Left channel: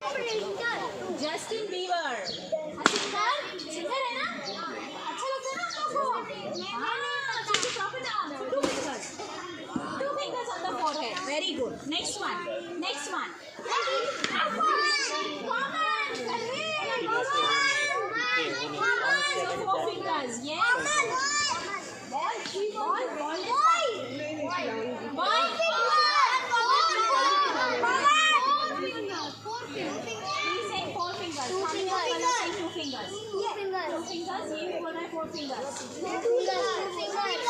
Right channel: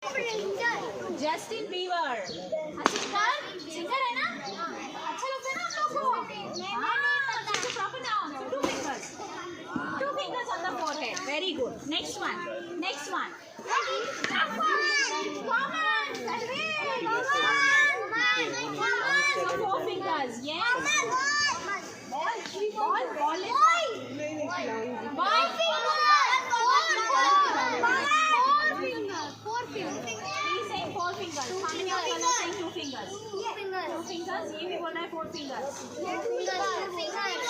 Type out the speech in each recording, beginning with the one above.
Justin beaver singer है ना, अच्छा लगता है ना आप लोगों को? हाँ, proper noun, two fingers on the forehead. Very good. Next one. So 4 fingers. Yes. Ball is He's saying 4 fingers. How many of you are saying 2 fingers? 2 fingers. ये भी बोल रहा है 4 fingers.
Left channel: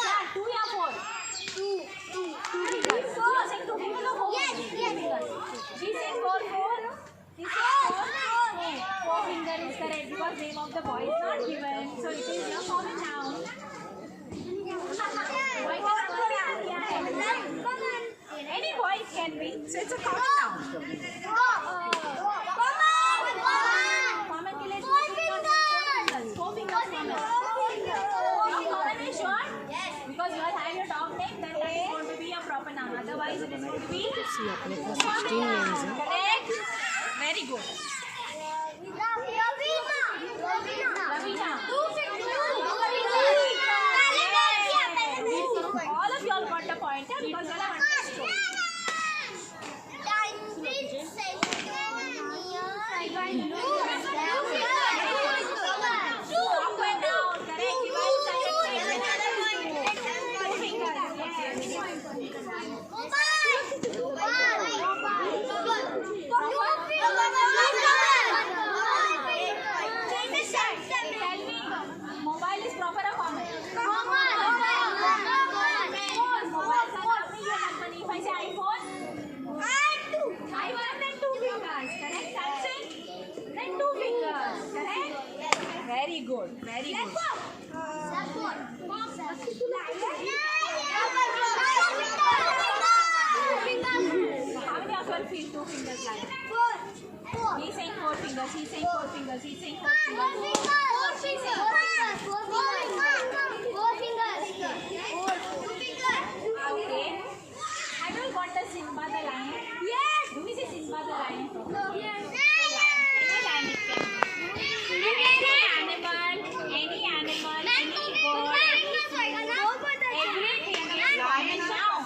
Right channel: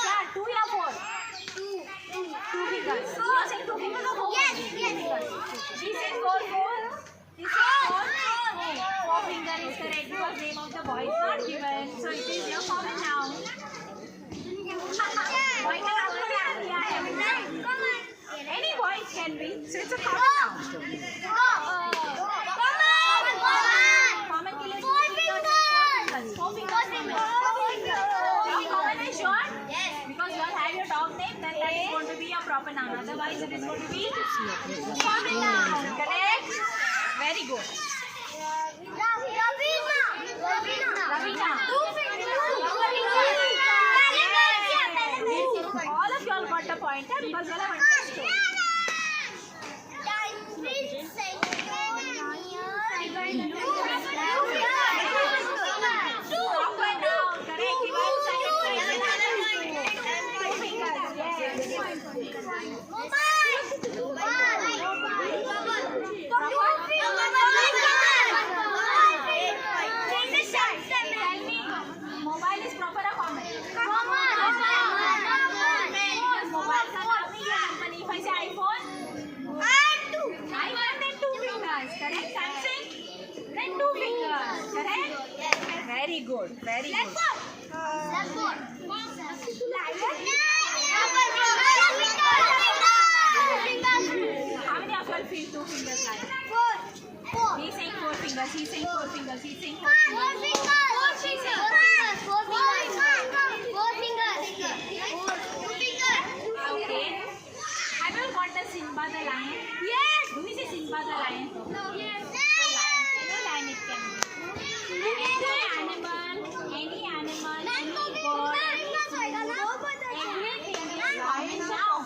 क्या 2 या 4? 2 fingers. You are saying 2 fingers or 4 fingers? Yes. She said 4. He said 4 finger is correct because name of the boy is not given. So it is your common noun. Boy का नाम थोड़ा क्या है? Any boy can be. So it's a common noun. Common के लिए 4 fingers. 4 fingers common. Now common is short. Yes. Because you all have your dog name, then that is going to be a proper noun. Otherwise, it is going to be common noun. Correct? Very good. Veena. All of you all got the pointer because you all have understood. Mobile is proper or common? Mobile का नाम नहीं है company. If I say iPhone, iPhone then 2 fingers. Correct? Samsung then 2 fingers. Correct? Very good. Very good. How many of you all feel 2 fingers like? 4. He's saying 4 fingers. He's saying 4 fingers. He's saying 4 fingers. 4 fingers. Okay. Have you all got the Simba the lion? Yes. Do we say Simba the lion? No. Any lion it can be. Any animal, any bird, everything is common noun.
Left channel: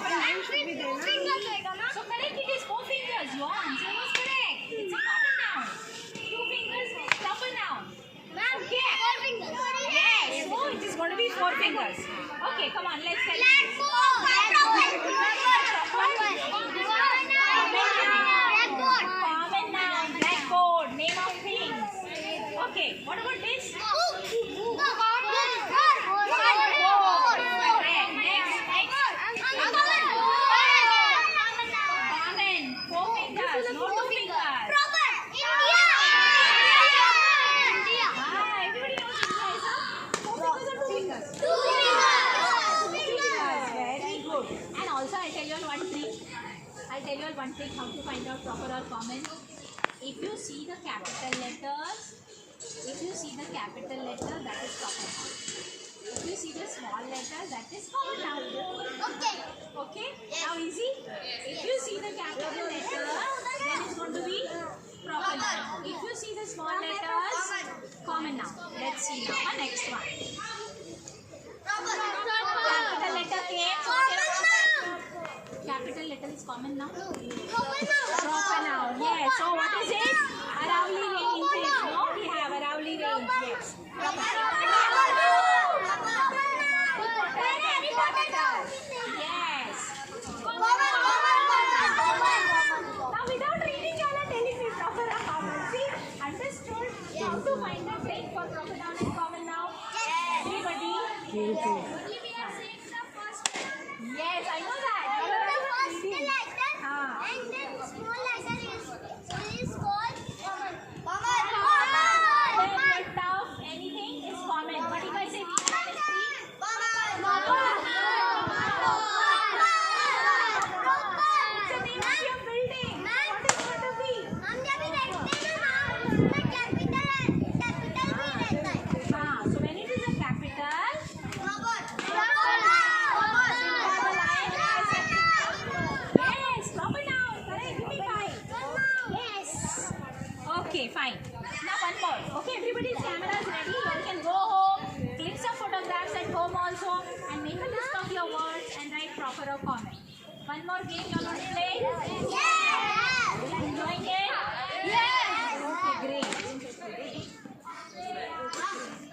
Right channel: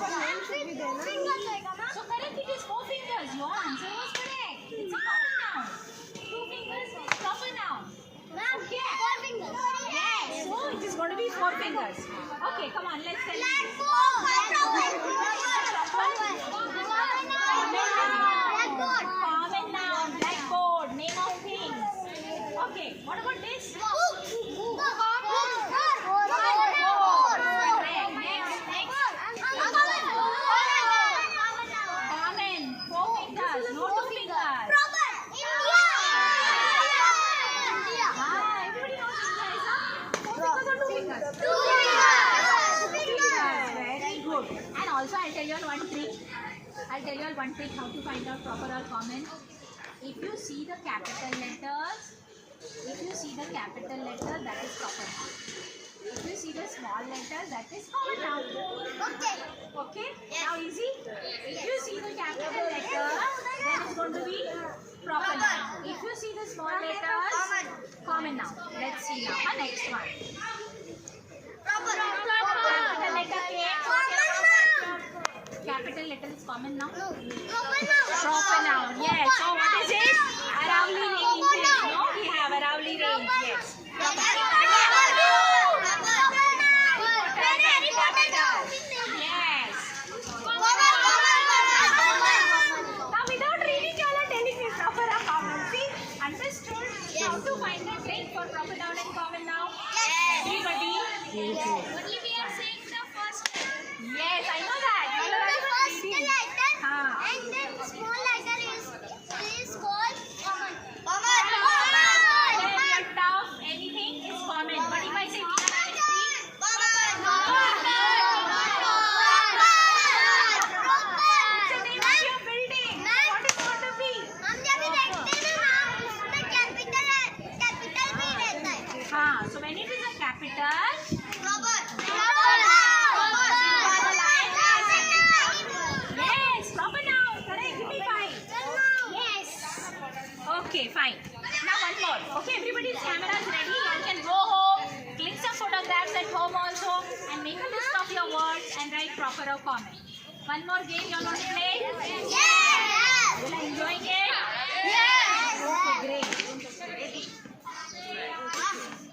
So correct, it is 4 fingers. Your answer was correct. It's a common noun. 2 fingers, proper noun. Okay. 4 fingers. Yes. So it is going to be 4 fingers. Okay, come on, let's tell you. Common noun, blackboard, name of things. Okay, what about this? Common, 4 fingers, no 2 fingers. Everybody knows India is a 4 fingers or 2 fingers? 2 fingers. Very good. And also I'll tell you all one trick. How to find out proper or common. If you see the capital letters, that is proper noun. If you see the small letters, that is common noun. Okay? Yes. Now easy? If you see the capital letter, then it's going to be proper noun. If you see the small letters, common noun. Let's see now. Next one. Capital letter came. Capital letter is common noun. Proper noun. Yes. So what is it? Aravali range. No, we have Aravali range. Yes. Yes. Now without reading, you all are telling me proper or common. See, understood how to find the trick for proper noun and common noun? Everybody? Yes. Yes, I know that. And then small letter is called common. Then your tough, anything is common. But if I say Veena Dynasty, it's the name of your building. What is going to be? capital भी रहता है. So when it is a capital, Okay, fine. Now one more. Okay, everybody's camera is ready. You can go home, click some photographs at home also, and make a list of your words and write proper comment. One more game you all want to play? Yes. You are enjoying it? Yes. Okay, great.